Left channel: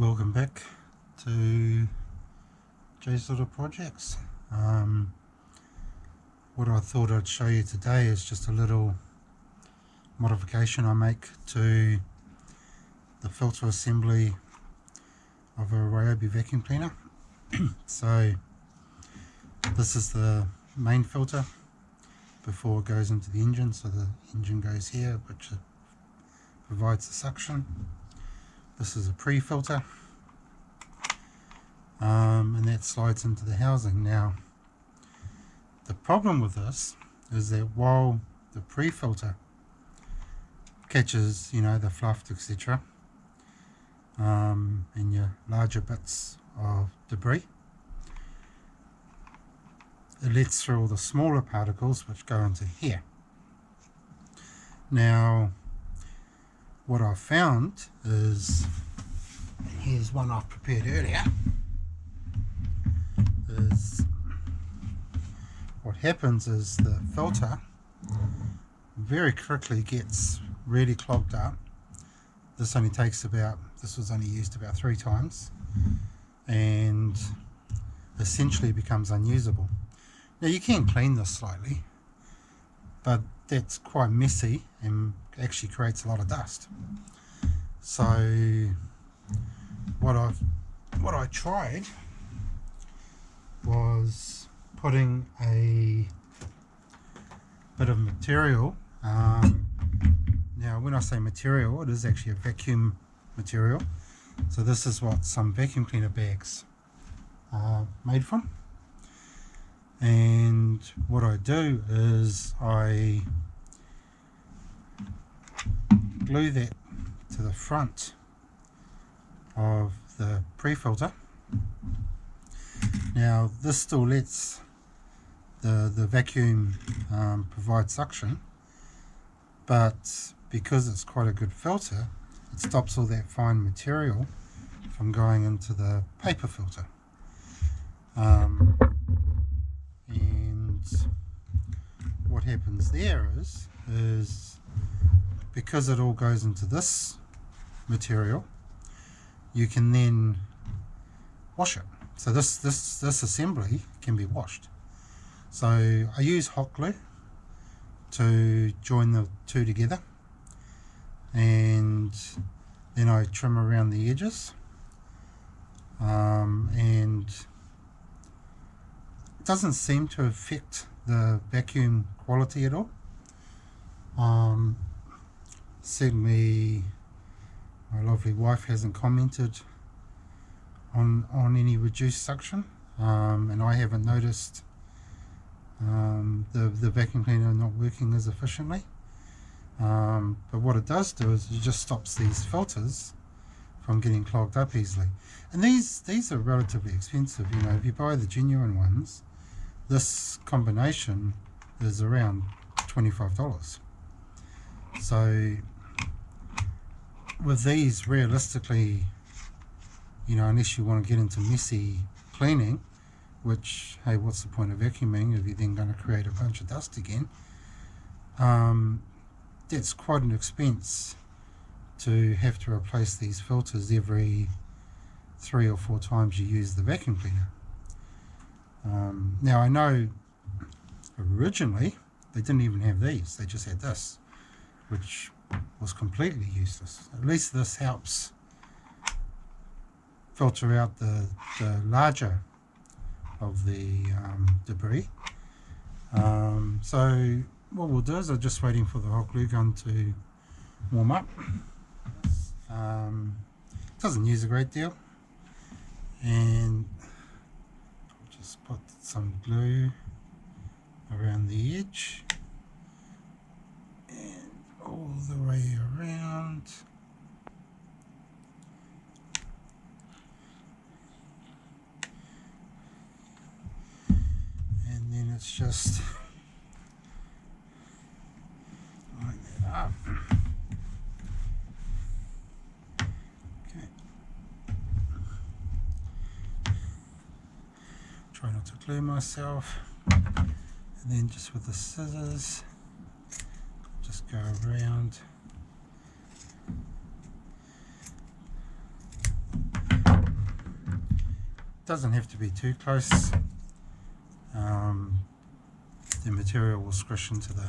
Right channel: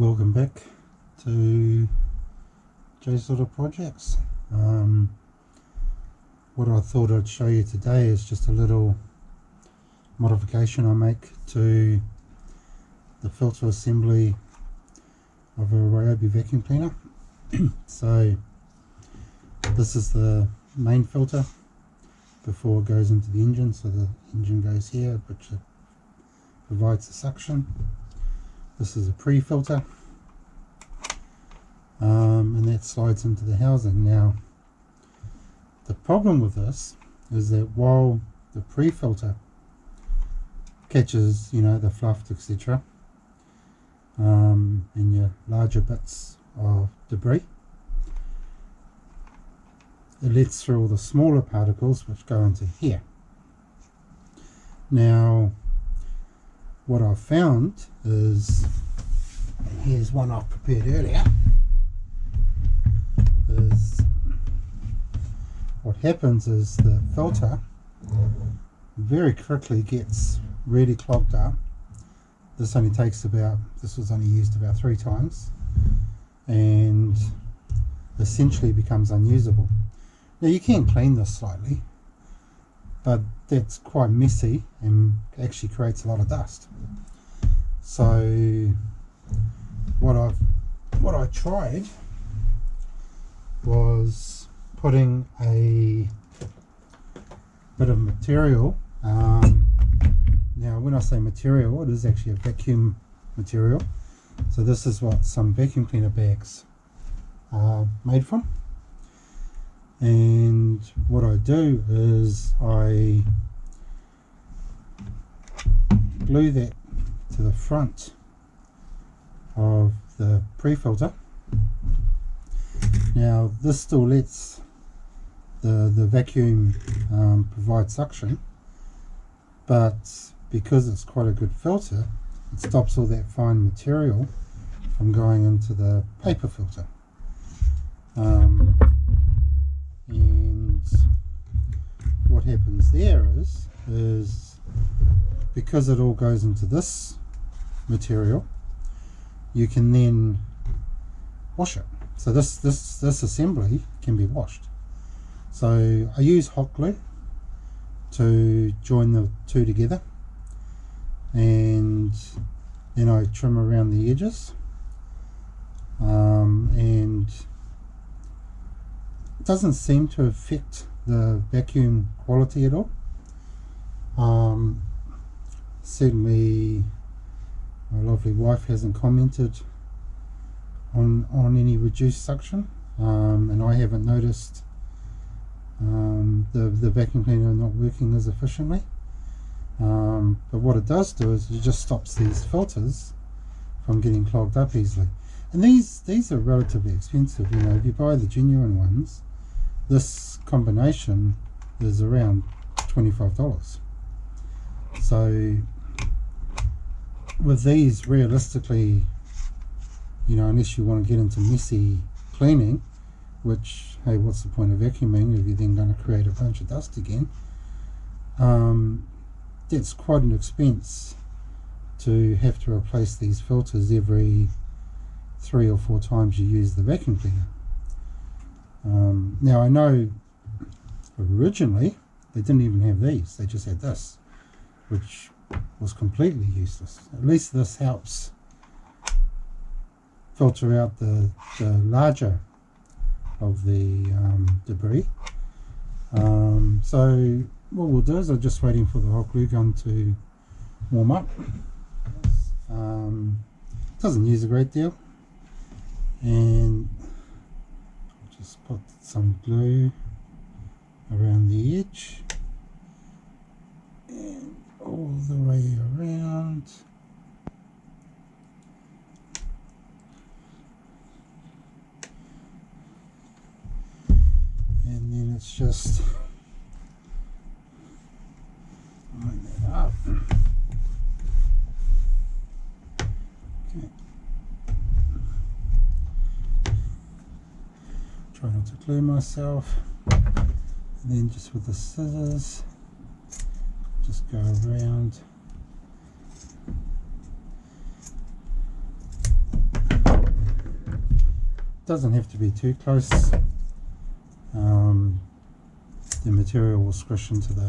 Welcome back to Jay's Little Projects. What I thought I'd show you today is just a little modification I make to the filter assembly of a Ryobi vacuum cleaner. So this is the main filter before it goes into the engine. So the engine goes here, which provides the suction. This is a pre-filter, and that slides into the housing. Now, the problem with this is that while the pre-filter catches, the fluff, etc., and your larger bits of debris, it lets through all the smaller particles which go into here. Now, what I've found is, and here's one I've prepared earlier, is what happens is the filter very quickly gets really clogged up. This only takes this was only used about 3 times, and essentially becomes unusable. Now you can clean this slightly, but that's quite messy and actually creates a lot of dust. So what I tried was putting a bit of material. Now when I say material, it is actually a vacuum material. So this is what some vacuum cleaner bags are made from. And what I do is I glue that to the front of the pre-filter. Now this still lets the vacuum provide suction, but because it's quite a good filter, it stops all that fine material from going into the paper filter. And what happens there is because it all goes into this material, you can then wash it. So this assembly can be washed. So I use hot glue to join the two together, and then I trim around the edges, and it doesn't seem to affect the vacuum quality at all. Certainly my lovely wife hasn't commented on any reduced suction, and I haven't noticed the vacuum cleaner not working as efficiently. But what it does do is it just stops these filters from getting clogged up easily. And these are relatively expensive. If you buy the genuine ones, this combination is around $25. So with these, realistically, unless you want to get into messy cleaning, which, hey, what's the point of vacuuming if you're then going to create a bunch of dust again? That's quite an expense to have to replace these filters every 3 or 4 times you use the vacuum cleaner. Now I know originally they didn't even have these, they just had this, which was completely useless. At least this helps filter out the larger of the debris. So what we'll do is I'm just waiting for the hot glue gun to warm up. Doesn't use a great deal, and I'll just put some glue around the edge and all the way around. And then it's just line that up. Okay. Try not to glue myself. And then just with the scissors, just go around doesn't have to be too close. The material will squish into the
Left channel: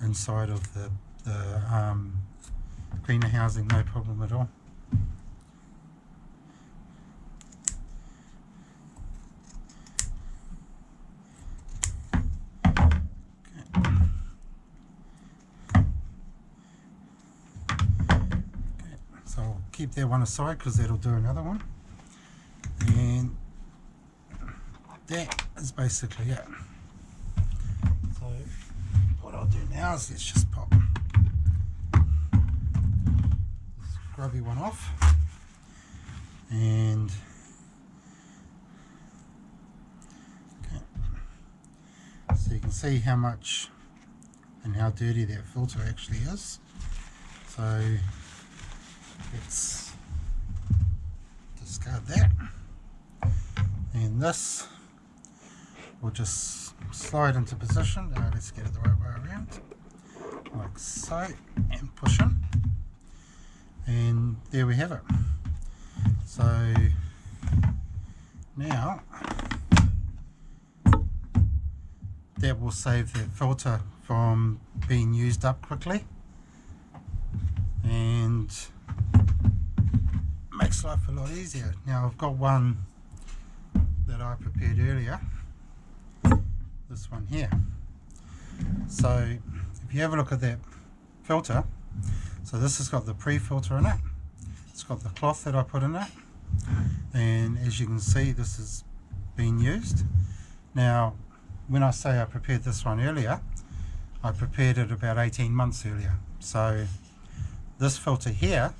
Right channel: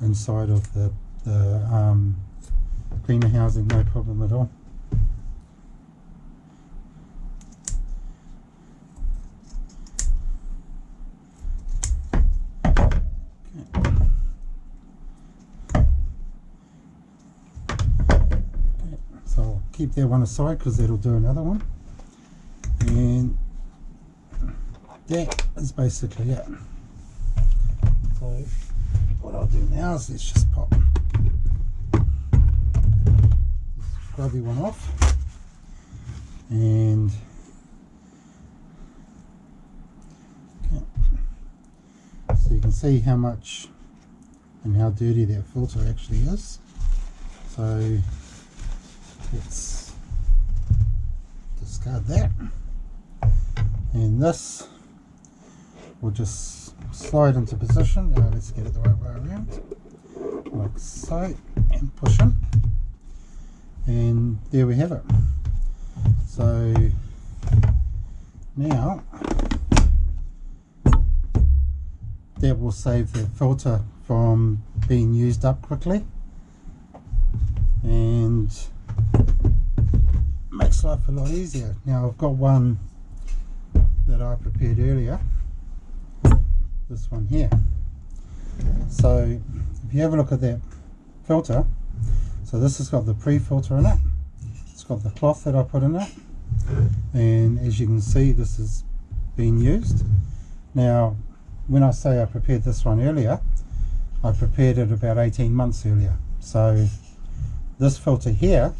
inside of the cleaner housing, no problem at all. So I'll keep that one aside because that'll do another one, and that is basically it. So what I'll do now is let's just pop this grubby one off, and okay, so you can see how much and how dirty that filter actually is. So let's discard that, and this will just slide into position. Let's get it the right way around, like so, and push in, and there we have it. So now that will save that filter from being used up quickly, and makes life a lot easier. Now I've got one that I prepared earlier, this one here. So if you have a look at that filter, so this has got the pre-filter in it, it's got the cloth that I put in it, and as you can see this is being used. Now when I say I prepared this one earlier, I prepared it about 18 months earlier. So this filter here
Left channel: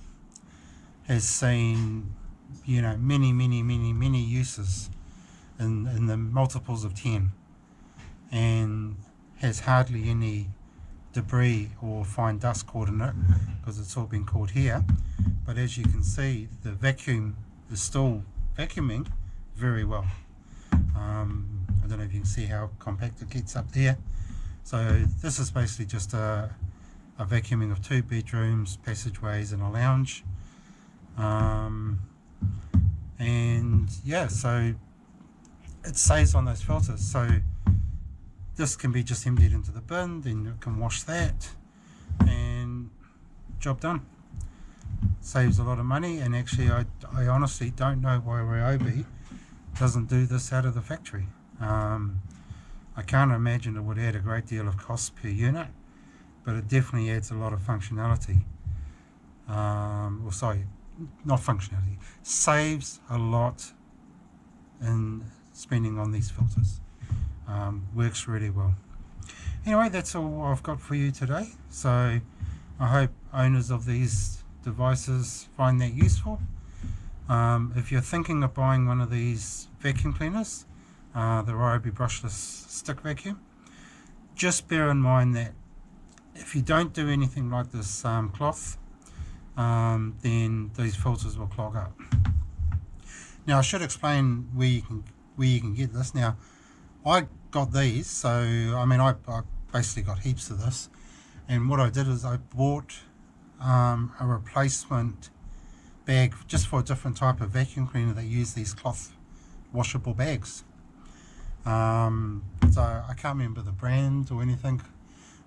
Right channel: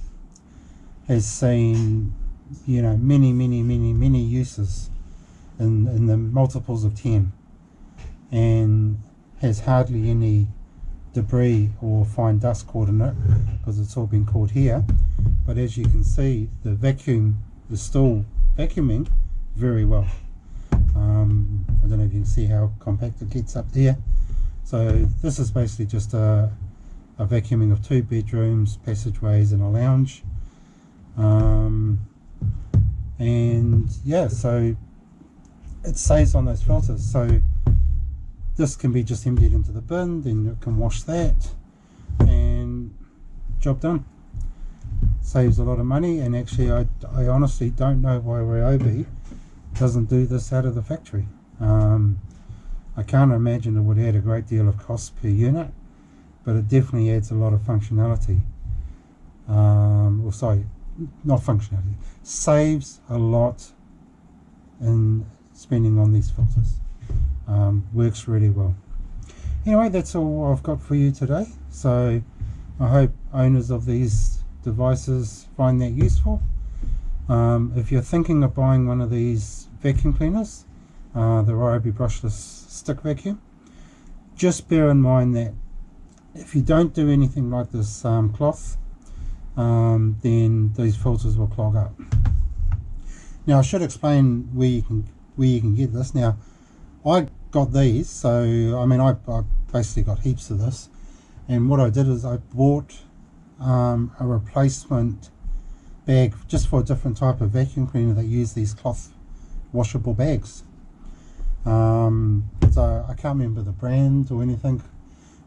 has seen, you know, many uses in the multiples of 10, and has hardly any debris or fine dust caught in it because it's all been caught here. But as you can see, the vacuum is still vacuuming very well. I don't know if you can see how compact it gets up there. So this is basically just a vacuuming of 2 bedrooms, passageways and a lounge. And yeah, so it saves on those filters. So this can be just emptied into the bin, then it can wash that, and job done. Saves a lot of money. And actually I honestly don't know why Ryobi doesn't do this out of the factory. I can't imagine it would add a great deal of cost per unit, but it definitely adds a lot of functionality. Or sorry, not functionality, saves a lot in spending on these filters. Works really well. Anyway, that's all I've got for you today. So I hope owners of these devices find that useful. If you're thinking of buying one of these vacuum cleaners, the Ryobi brushless stick vacuum, just bear in mind that if you don't do anything like this cloth, then these filters will clog up. Now I should explain where you can get this. Now I got these, so I mean I basically got heaps of this, and what I did is I bought a replacement bag just for a different type of vacuum cleaner that use these cloth washable bags. So I can't remember the brand or anything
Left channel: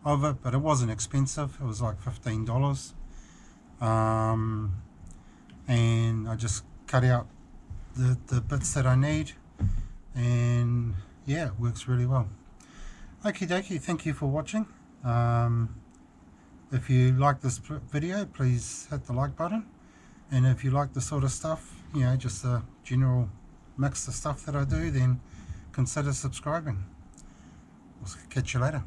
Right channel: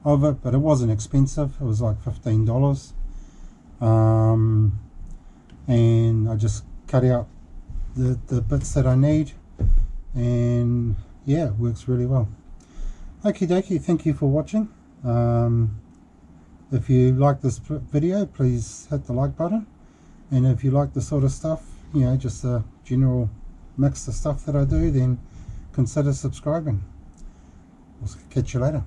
of it, but it wasn't expensive. It was like $15. And I just cut out the bits that I need, and yeah, it works really well. Okie dokie, thank you for watching. If you like this video, please hit the like button, and if you like the sort of stuff, you know, just a general mix of stuff that I do, then consider subscribing. We'll catch you later.